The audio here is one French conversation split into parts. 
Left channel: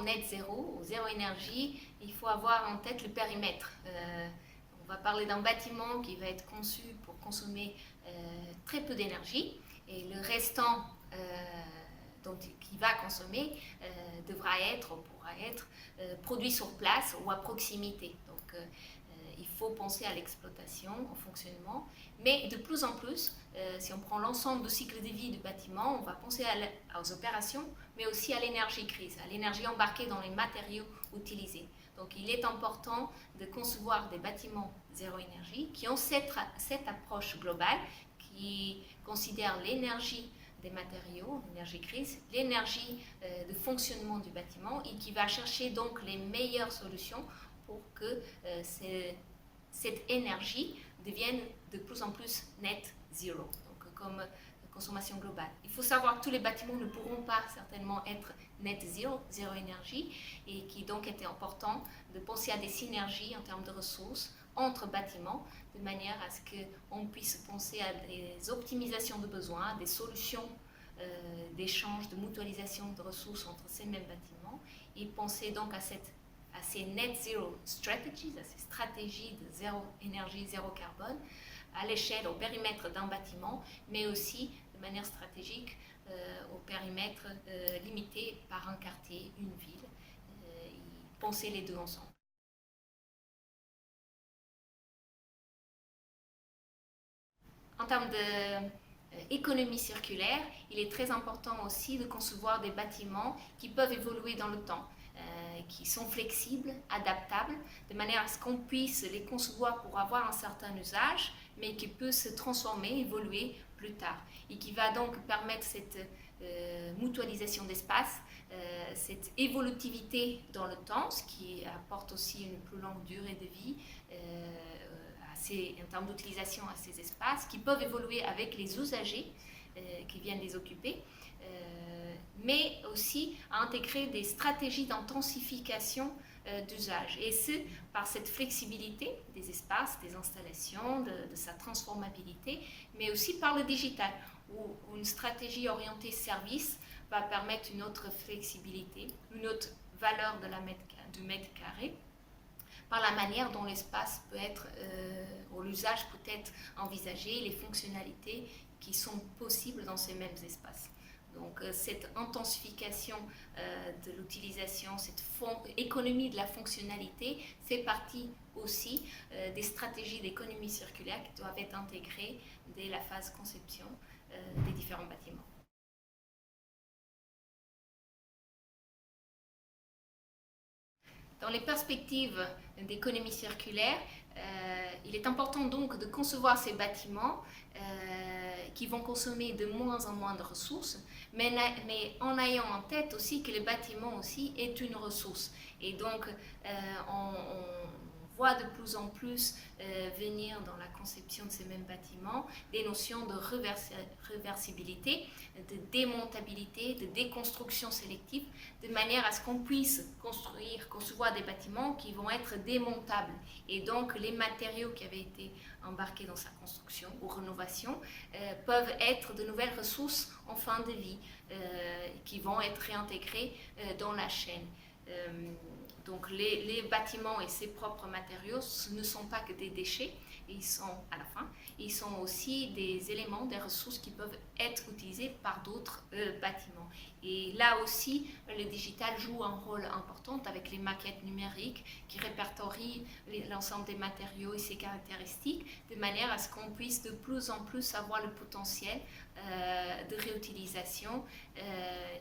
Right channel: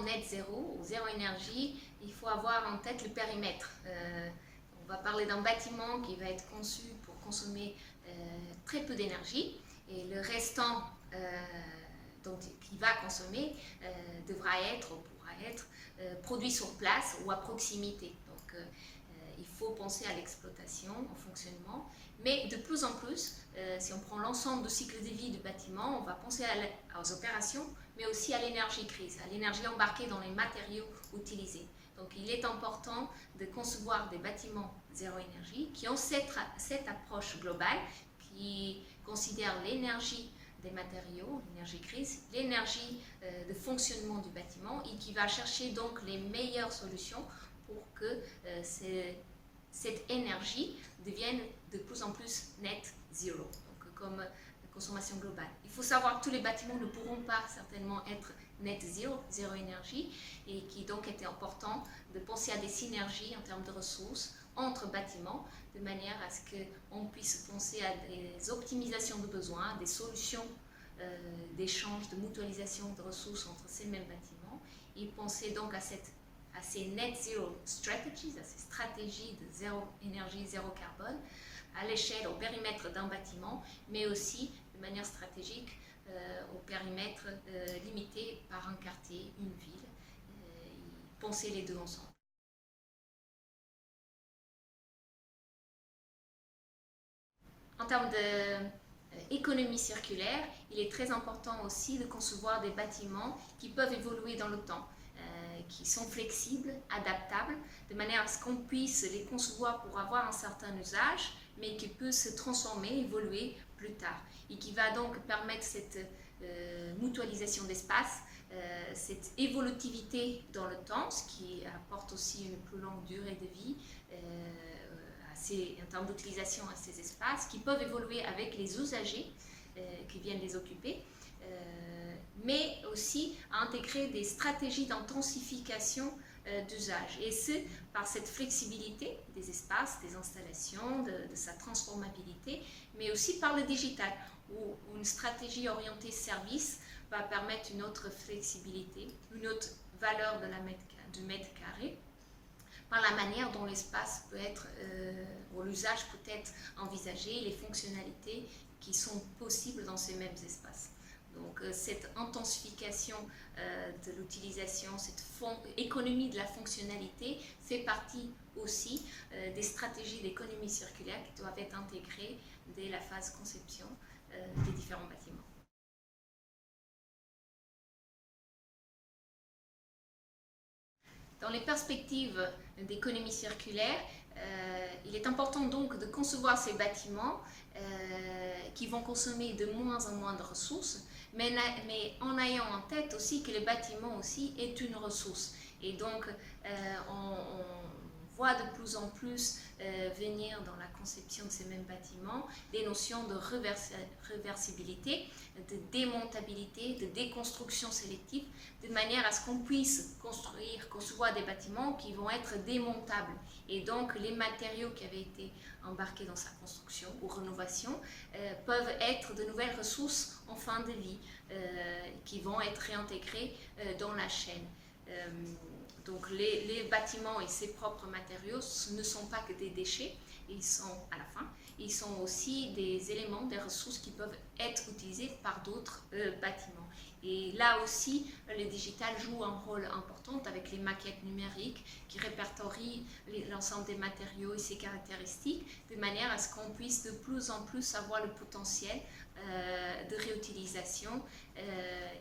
net zéro ou zéro énergie, il faut avoir en tête le périmètre. On va parler d'un bâtiment qui va être conçu pour consommer très peu d'énergie et le restant qui va consommer pourra être produit sur place ou à proximité. Donc, il faut penser à l'exploitation, au fonctionnement, mais de plus en plus, si on prend l'ensemble du cycle de vie du bâtiment, on va penser aux opérations, mais aussi à l'énergie grise, à l'énergie embarquée dans les matériaux utilisés. Donc il est important de concevoir des bâtiments zéro énergie qui ont cette approche globale, qui considère l'énergie des matériaux, l'énergie grise, l'énergie de fonctionnement du bâtiment et qui va chercher donc les meilleures solutions pour que cette énergie devienne de plus en plus net zero, donc comme consommation globale. Il faut savoir que tous les bâtiments ne pourront pas certainement être net zero, zéro énergie, et qui donc était important de penser à des synergies en termes de ressources entre bâtiments, de manière à ce qu'on puisse penser à des optimisations de besoins, des solutions d'échange, de mutualisation de ressources entre ces mêmes bâtiments, et penser donc à ces net zero strategies, à ces stratégies de zéro énergie, zéro carbone, à l'échelle, au périmètre d'un bâtiment, mais aussi de manière stratégique au périmètre limité par un quartier, une ville, penser les deux ensemble. En termes d'économie circulaire, il est très important aussi de concevoir des bâtiments qui peuvent évoluer dans le temps, qui sont flexibles, adaptables, de manière à ce qu'on puisse les concevoir pour avoir un certain usage, mais qui peut se transformer, évoluer plus tard, et qui va donc permettre cette mutualisation d'espace, cette évolutivité dans le temps, ce qui apporte aussi une plus longue durée de vie en termes d'utilisation à ces espaces, qui peuvent évoluer avec les usagers qui viennent les occuper, mais aussi à intégrer des stratégies d'intensification d'usage, et ce, par cette flexibilité des espaces, des installations, de sa transformabilité, mais aussi par le digital, où une stratégie orientée service va permettre une autre flexibilité, une autre valeur du mètre carré, par la manière dont l'espace peut être, ou l'usage peut être envisagé, les fonctionnalités qui sont possibles dans ces mêmes espaces. Donc cette intensification de l'utilisation, cette économie de la fonctionnalité fait partie aussi des stratégies d'économie circulaire qui doivent être intégrées dès la phase conception des différents bâtiments. Dans les perspectives d'économie circulaire, il est important donc de concevoir ces bâtiments qui vont consommer de moins en moins de ressources, mais en ayant en tête aussi que le bâtiment aussi est une ressource. Et donc, on voit de plus en plus venir dans la conception de ces mêmes bâtiments des notions de réversibilité, de démontabilité, de déconstruction sélective, de manière à ce qu'on puisse concevoir des bâtiments qui vont être démontables. Et donc, les matériaux qui avaient été embarqués dans sa construction ou rénovation peuvent être de nouvelles ressources en fin de vie qui vont être réintégrées dans la chaîne. Donc les bâtiments et ses propres matériaux ne sont pas que des déchets, ils sont à la fin, ils sont aussi des éléments, des ressources qui peuvent être utilisées par d'autres bâtiments. Et là aussi, le digital joue un rôle important avec les maquettes numériques qui répertorient l'ensemble des matériaux et ses caractéristiques, de manière à ce qu'on puisse de plus en plus avoir le potentiel de réutilisation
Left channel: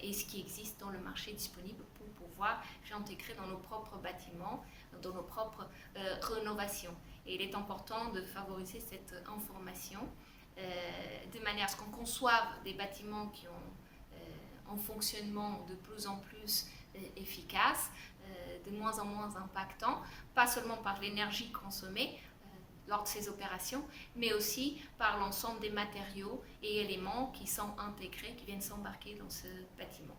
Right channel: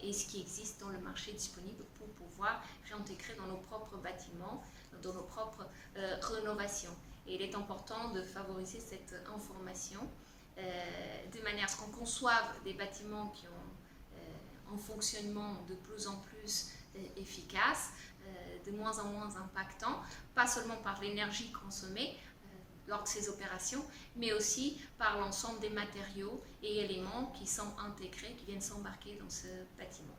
et ce qui existe dans le marché disponible pour pouvoir réintégrer dans nos propres bâtiments, dans nos propres rénovations. Et il est important de favoriser cette information de manière à ce qu'on conçoive des bâtiments qui ont un fonctionnement de plus en plus efficace, de moins en moins impactant, pas seulement par l'énergie consommée lors de ces opérations, mais aussi par l'ensemble des matériaux et éléments qui sont intégrés, qui viennent s'embarquer dans ce bâtiment.